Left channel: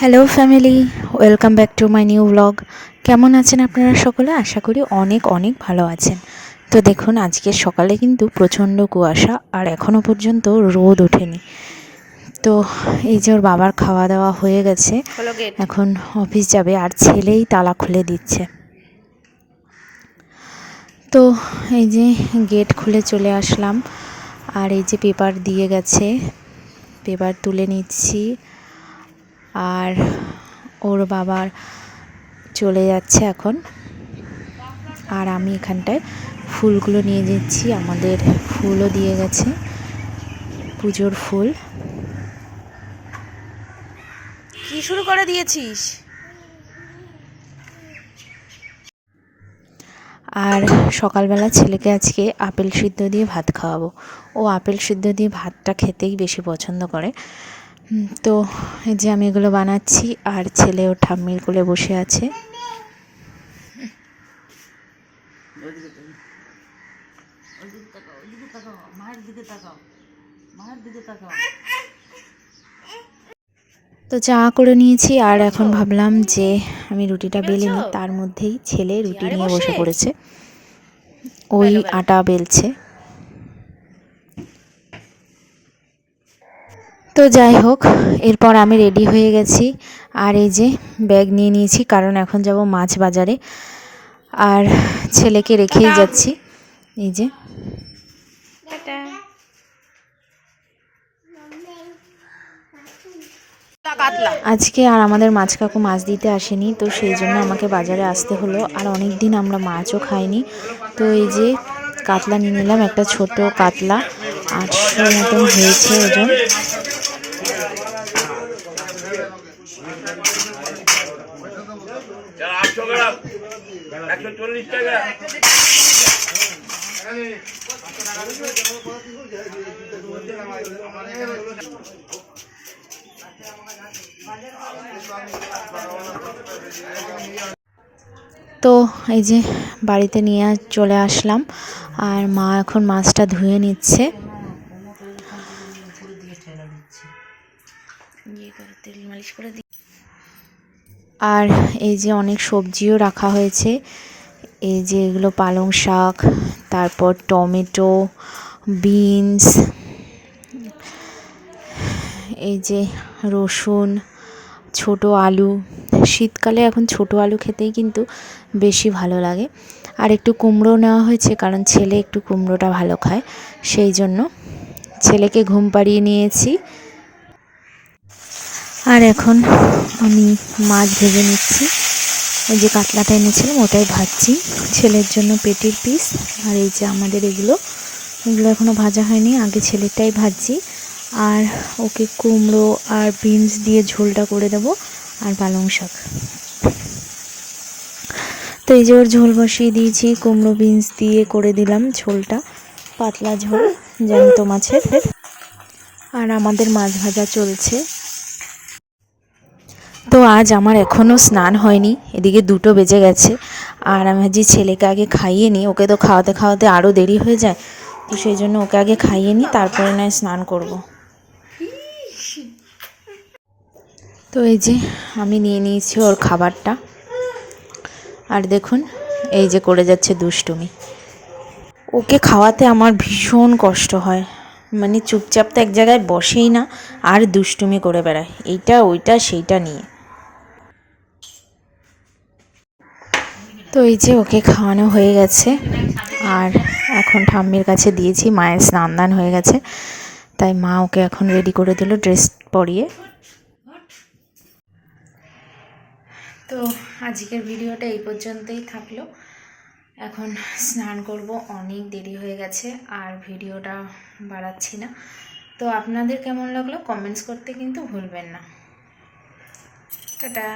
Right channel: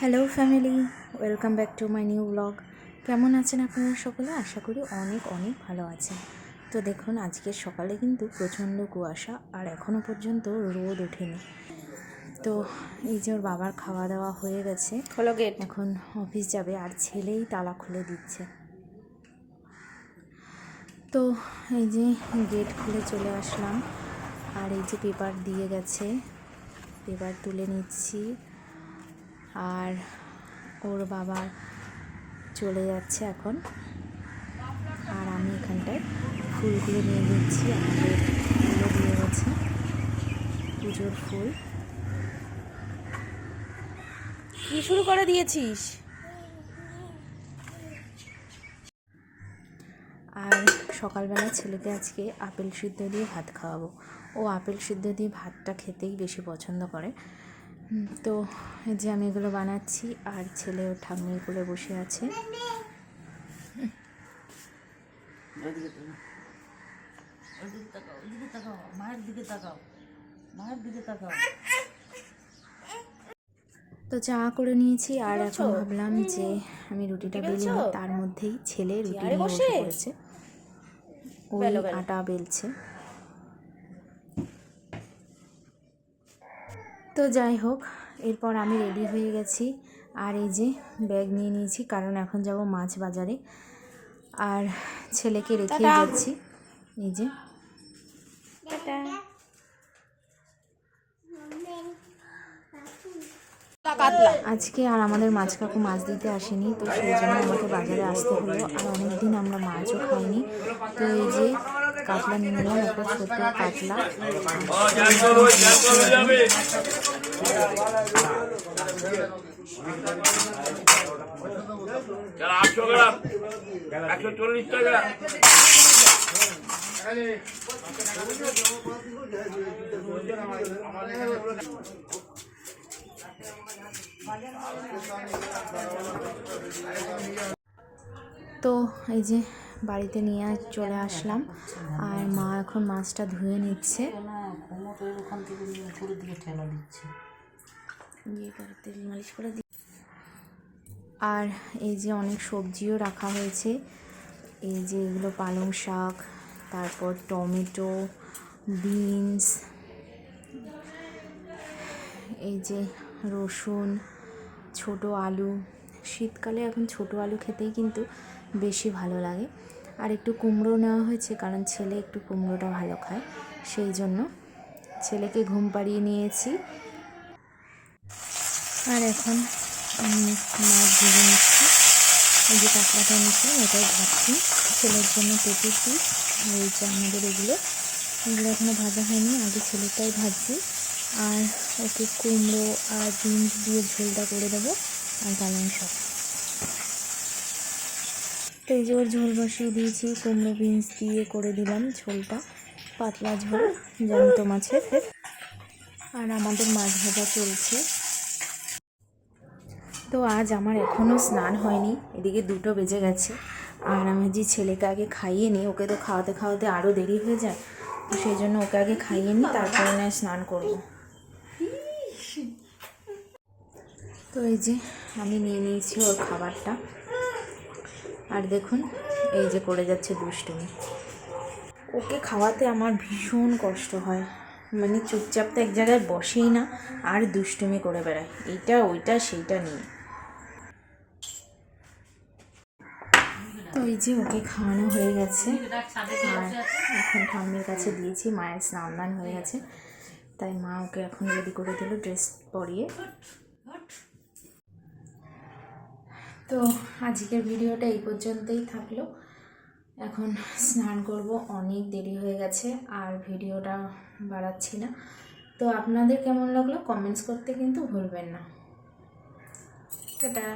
Hello family welcome back to my new blog কেমন আছেন আপনারা সকলে? আশা করি অনেক অনেক ভালো আছেন। তো দেখুন আজকের সকালে কিন্তু প্রচণ্ড কুয়াশা আর এখনও পর্যন্ত রোদ ওঠেনি। তো এই যে ওর বাবার খাওয়া দাওয়া হয়ে গেছে। এখন অফিস যাবে আর ছেলেই তালা খুলে দিচ্ছে। তো এই যে গেট খুলে চলে আসলাম। আর এই যে পেপার দিয়ে গেছে। পেপার তুলে নিচ্ছি। আর ওর বাবার চলে যাচ্ছে এখন। আর আমি এখানটায় ফুলগুলো নিয়ে যাচ্ছি আমাদের ফুলও দিয়ে গেছে পুজোর ফুল। কি শুরু করে দিয়েছিস? আর সকালবেলা ছেলেকে আজকে আপেল সিদ্ধ দিয়ে ভাত খাওয়াবো। ও আপেল সিদ্ধ দিয়ে ভাতটা খেতেই বেশি পছন্দ করে। তো এই যে আমি এগুলো বানাচ্ছি আর ছেলে ও ঠাম্মির কোলে বসে আছে। তো চা করে নিয়েছি আর এখন ভাবলাম যে আমি রুটিটা বেলে নিই। তার মধ্যেই ছেলে রুটি নিয়ে বসে? পড়েছে। ওই। আটা বেলছে। তো যাই হোক এরপর আমি রেডি হয়ে গেছি। আর এই যে ব্যাগ নিয়ে নিয়েছি কারণ এখন যাব মাছ বাজারে। আর ছেলেকে রেখেই যাচ্ছি। এই যে। কাতলা। আজকে আর আমাদের মাছ কাকু মাছ দিতে আসেনি তো সেই জন্য আমাকে বাজারে আসতে হলো। আর অনেক দিন আমরা মাছও খাইনি। তো এই যে কাতলা নিয়ে নিলাম একটা ছোট কাতলা। আটশো মতন হয়েছে ওজন। তো এই যে বাড়িতে নিয়ে চলে আসলাম আর মা এখন মাছটা ধুয়ে নিচ্ছে। তেল মালিশ করে দি আর এই যে অনেক সবজিও রাখা হয়েছে। এই যে এগুলো পালং শাক, তারপর টমেটো, বিনস, এই যে রসুন, ছোট আলু। শীতকালে এখন ছোট আলু খেতেই কিন্তু বেশি ভালো লাগে। আর একটু কুমড়ো নেওয়া হয়েছে কারণ ছেলে একটু কুমড়োটা ভালো খায়। সেই জন্য ছেলেকে ঘুম পাড়িয়ে নিয়েছি। আর এখন আমি মাছ ভেজে নিচ্ছি। এই যে কাতলাটা এনেছিলাম, ওটাই ভাজছি। ছেলের জন্য পেটির পিস। আর এই যে আমাদের এগুলো এগুলো এখনও ভাজা হয়নি, আগে ছেলেরটাই ভাজছি। আর ওকে কুমড়ো আর বিনস দিয়ে ঝোলটা করে দেবো, আর পালং শাক। তো এই যে ওর ঝোল বসিয়ে দিয়েছি, কুমড়ো বিনস দিয়ে করে দিলাম ঝোলটা। পাতলা ঝোল জ্যান্ত মাছের। আর আমাদের মাছ ভাজা চলছে। তো আজ আমার এখনও স্নান হয়নি, এদিকে দুটো বেজে গেছে। আর আমি যে ছেলেকে আগে খাইয়ে নিই, ওকে তো খাওয়াতে খাওয়াতে আরও দেরি হয়ে যায়, তো সেই জন্য ওকে আগে খাইয়ে নিই, তারপরে নয় স্নান করব। তো এই যে আমি নিয়ে নিয়েছি ওর খাবারটা। আর দেখুন, এই যে করে যাচ্ছে দুষ্টুমি। ওকে খাওয়াতে আমার ভীষণ কষ্ট হয় মানে চুপচাপ তো এক জায়গায় বসেই না, আর দুষ্টুমি করে বেড়ায়। এইটা, ওইটা, সেইটা নিয়ে। তো এই যে ওকে খাওয়ানো হয়ে গেছে। আর এখন ঠাম্মির কাছে দিয়েছি, মায়ের স্নান দান হয়ে গেছে। তাই মা ওকে এখন রেডি করে দিল ড্রেস পরিয়ে। তো আজকের ভিডিওটা এই পর্যন্তই থাকল। এখন স্নান করব, অনেক দেরি হয়ে গেছে, আর ভিডিওটা বাড়াচ্ছি না। তো আপনাদের কেমন লাগল কমেন্টস করতে কিন্তু ভুলবেন না। টাটা।